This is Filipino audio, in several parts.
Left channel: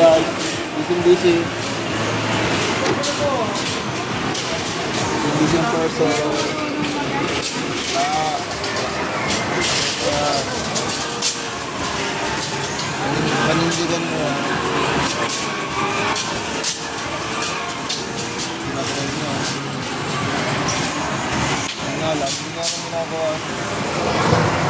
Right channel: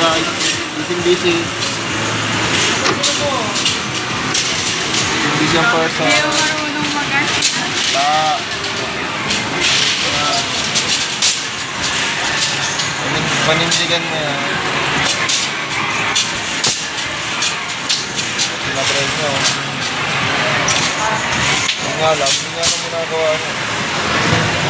guys. Busy. Busy ang person. Hindi ako marunong mag-ask. Panindigan mo yan. Pinatry mo. Ang nga lang, hindi nga naman ginagawa mo.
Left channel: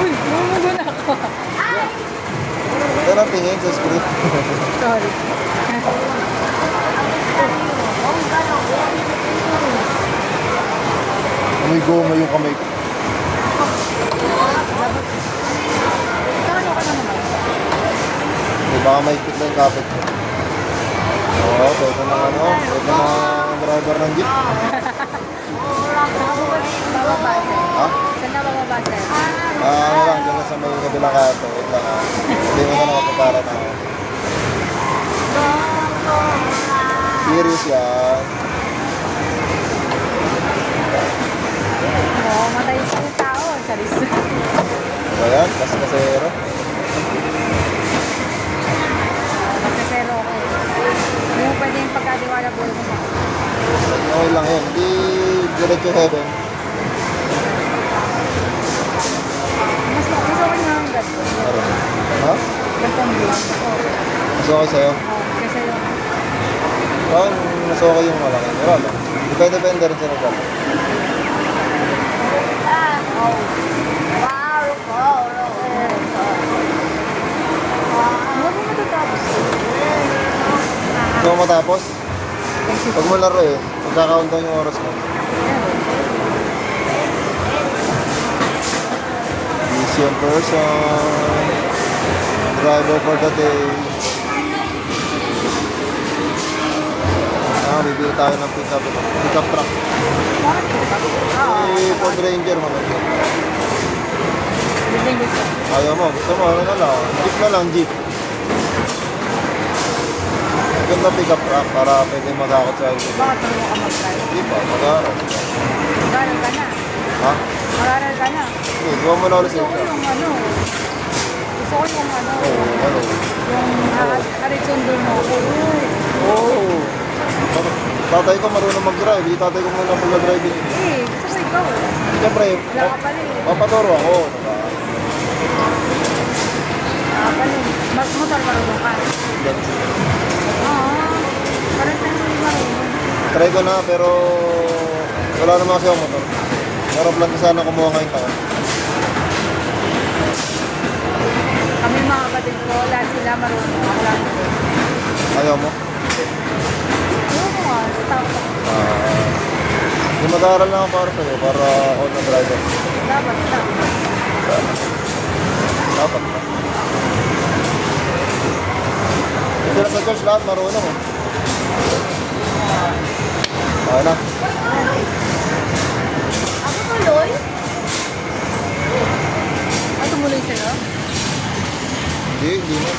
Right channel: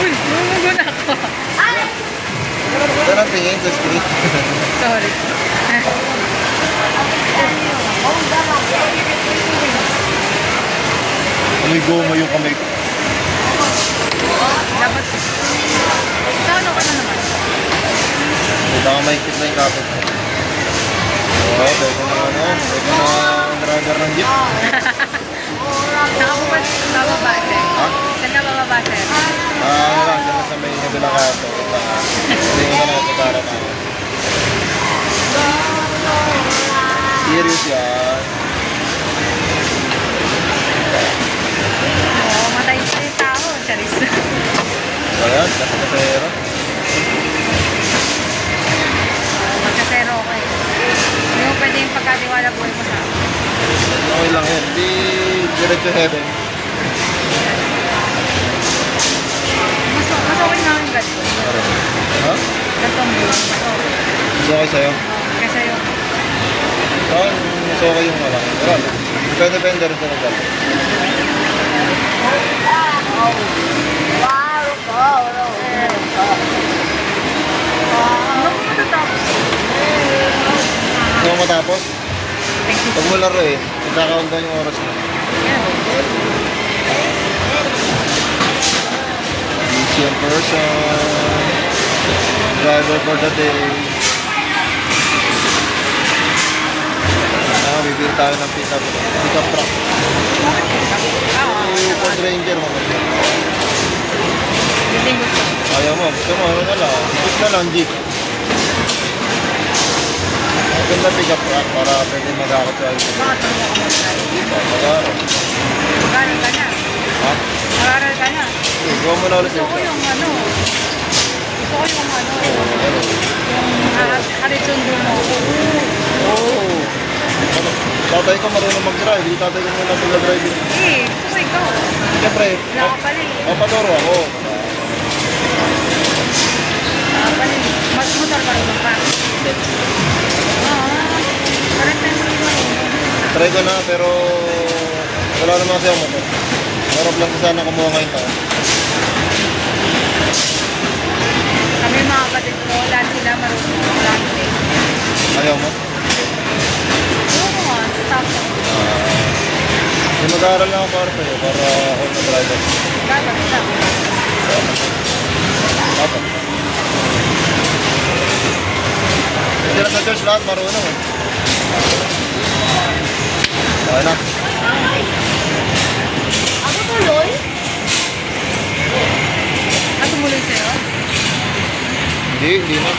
Uy, mumugun ako. Ito lang tingin sa screen. Sorry. Amoy goma yung kamay ko. Dapat. Sa ano ka na naman? Baka mahigpit na yung kapit mo. Oo, ito na ano. Ito na ang driver ng jeep. Saka po ba bababa, sir? Ha? Saan ka bababa, sir? Ano lang, dyan sa may kabilang kato. Wait lang ha. Hindi mo na nakapagkara na ako. Serious yan. Oo, matay pa yung tao. Charis. So yan, kasero. Magkasero ako eh. Hindi mo pwede yung pagkatiwala buhay mo sa akin. Okay lang yan. Di direct to heaven. Mas okay nga yung ganito. Ha? Ganitong view. Mas okay. Mas okay sa'yo? Oo, kasi yung... Saan mas okay yung malaki? Wala lang. Depende rin sa lugar. Ano po matatapos? Gusto mo matapos? Thanks you. Pag mo laro eh, magkakaroon doon yung oras mo. Yeah. Busy in person. Driver for the day. Bibili tayo ng pick-up truck. Bakit ka? Oo, Eh, Ford Ranger mo. yun din gusto. Ayaw mo, gusto mo, ano na lang. Jeep na lang, jeep. Maganda pick-up truck para pwede mag-akot sa LCD. Bakit marunong ka mag-drive? Di ba, mag-aaral. Mag-aral ka na. Ha? Mag-aral ka na. Hindi, gawa mo na ulit Gusto ko yung ano. Gusto ko yung ano. Oo, ano? Yung harisundo mo. Oo. Ano? Tatay ko marunong mag-drive, hindi tatay ko muna mag-drive. Eh, gusto ko ikaw. Siyempre, Wala ka pala eh. papaturo ako. Diba? Wala ka pala eh. Mag-motor marunong ka. Parang tayo mo yung marunong. Try ko na, pero wala naman kasi ang motor. Pero plan ko sana kumuha ngayon taon. Kami mga kapatid ko, lahat sila marunong. Ako lang hindi. Ayaw mo? Oo nga, tapos ako. Hindi mag-aaral na ako para sa'yo, para ako na driver. Dapat lang. Dapat na. Sila sa church lahat marunong eh. Kaya na. Ah, tumuloy sa'yo? Hindi na.